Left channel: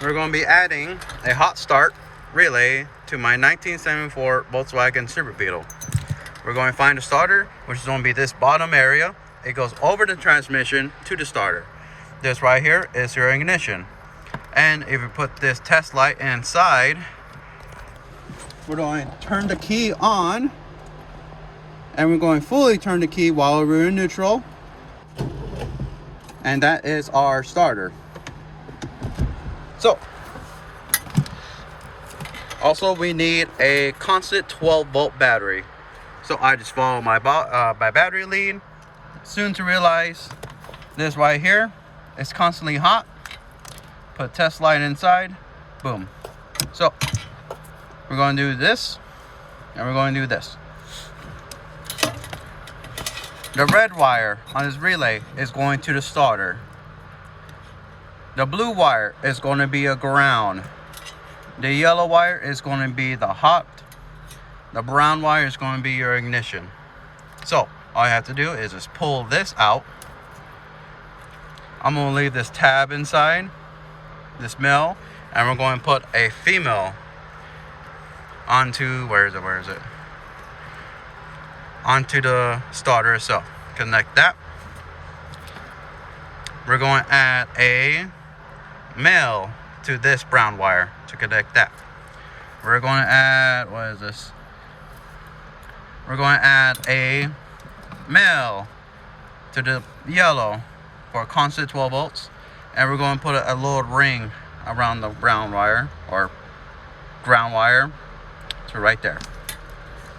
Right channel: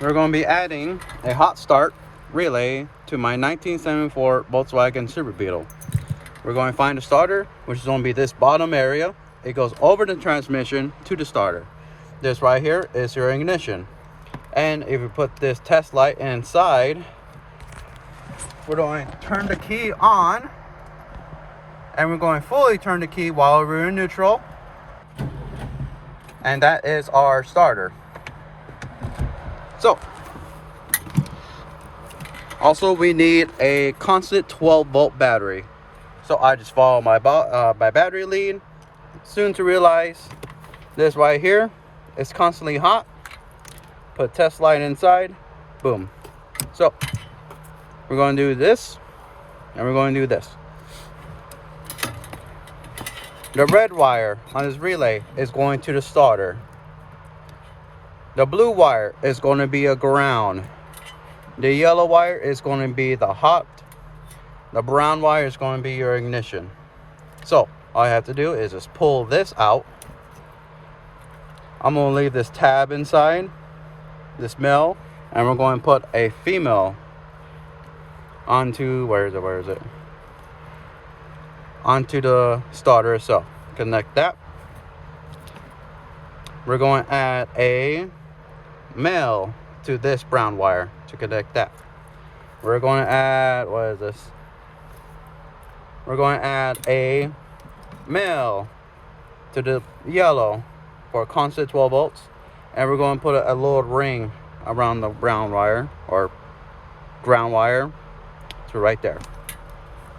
we're going to be adding a Hardstart relay to my 1974 Volkswagen Super Beetle. We're going to find the starter, which is going to be this bottom area. It goes over the transmission to the starter. This right here is your ignition. And if you put this test light inside, we're going to turn the key on, and we're going to fully turn the key while we're in neutral. And that is our starter. So, also we need a constant 12-volt battery. So I just follow my battery lead. Soon to realize this right here is constantly hot. Put test light inside, boom. So we're going to do this, and we're going to do this. The red wire on this relay is going to the starter. The blue wire is going to be a ground. The yellow wire is going to be the hot. The brown wire is going to be your ignition. So all you have to do is just pull this out. I'm going to leave this tab inside, this male, and we're going to put a female onto, where is it? Onto the starter itself. Connect that. We're going to add a male to this brown wire to connect that. We're going to add, what is this? We're going to add a male to the yellow for constant 12 volts, and we're going to put a little ring around the brown wire or ground wire to right there.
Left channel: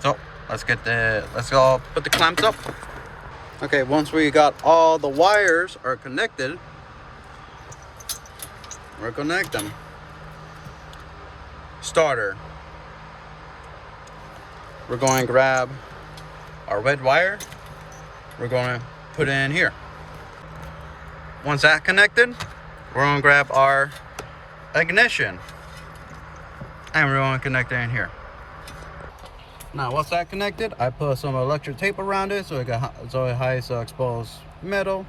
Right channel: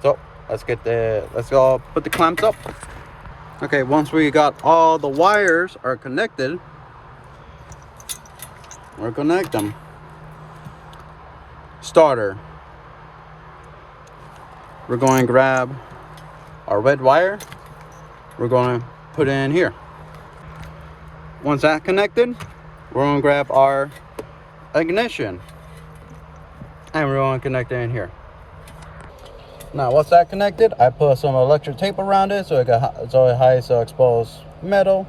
So let's go put the clamps up. Okay, once we got all the wires are connected, we'll connect them. Starter. We're going to grab our red wire. We're going to put it in here. Once that's connected, we're going to grab our ignition, and we're going to connect it in here. Now, once that connected, I put some electric tape around it so it hides exposed metal.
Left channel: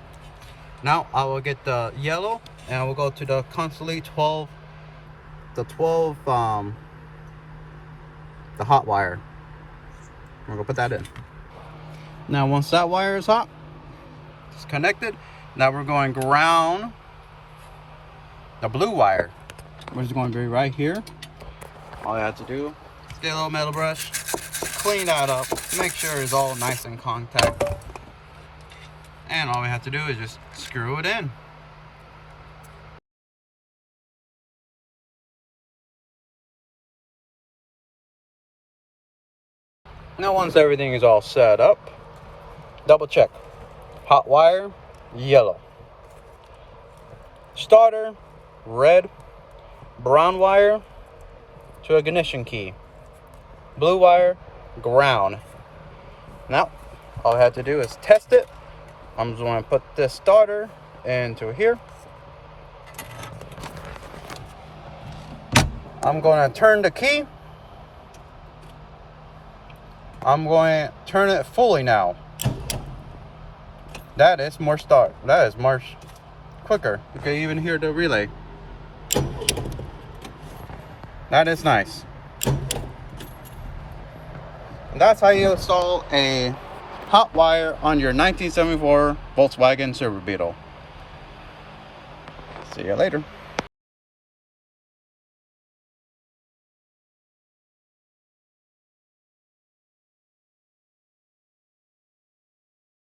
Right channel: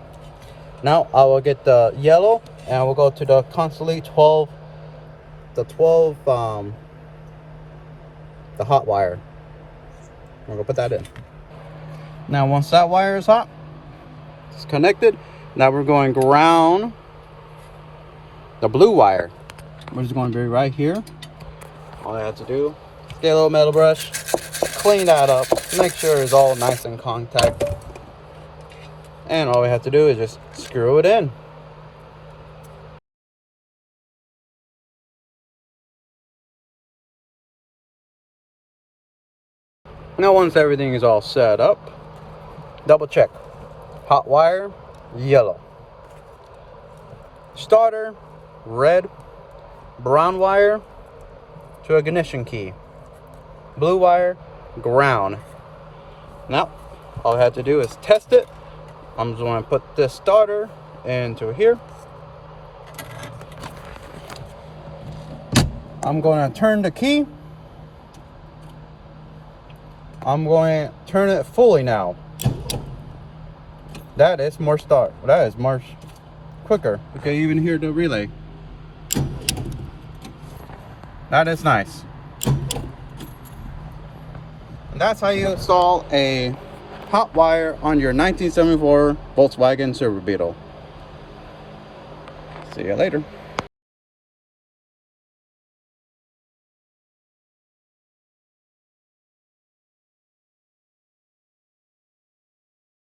Now I will get the yellow, and I will go to the constantly 12, the hot wire. I'm gonna put that in. Now once that wire is hot, it's connected. Now we're going to ground the blue wire, which is going to be right here. All you have to do is get a little metal brush, clean that up, make sure it's all nice and contact, and all we have to do is just screw it in. Now once everything is all set up, double check. Hot wire, yellow. Starter, red. Brown wire to ignition key. Blue wire, ground. Now all I have to do is test it. I'm just going to put this starter into here. I'm going to turn the key. I'm going to turn it fully now. That is more quicker. You can even hear the relay. That is nice. And that's how you install a hot wire on your 1974 Volkswagen Super Beetle. See you later.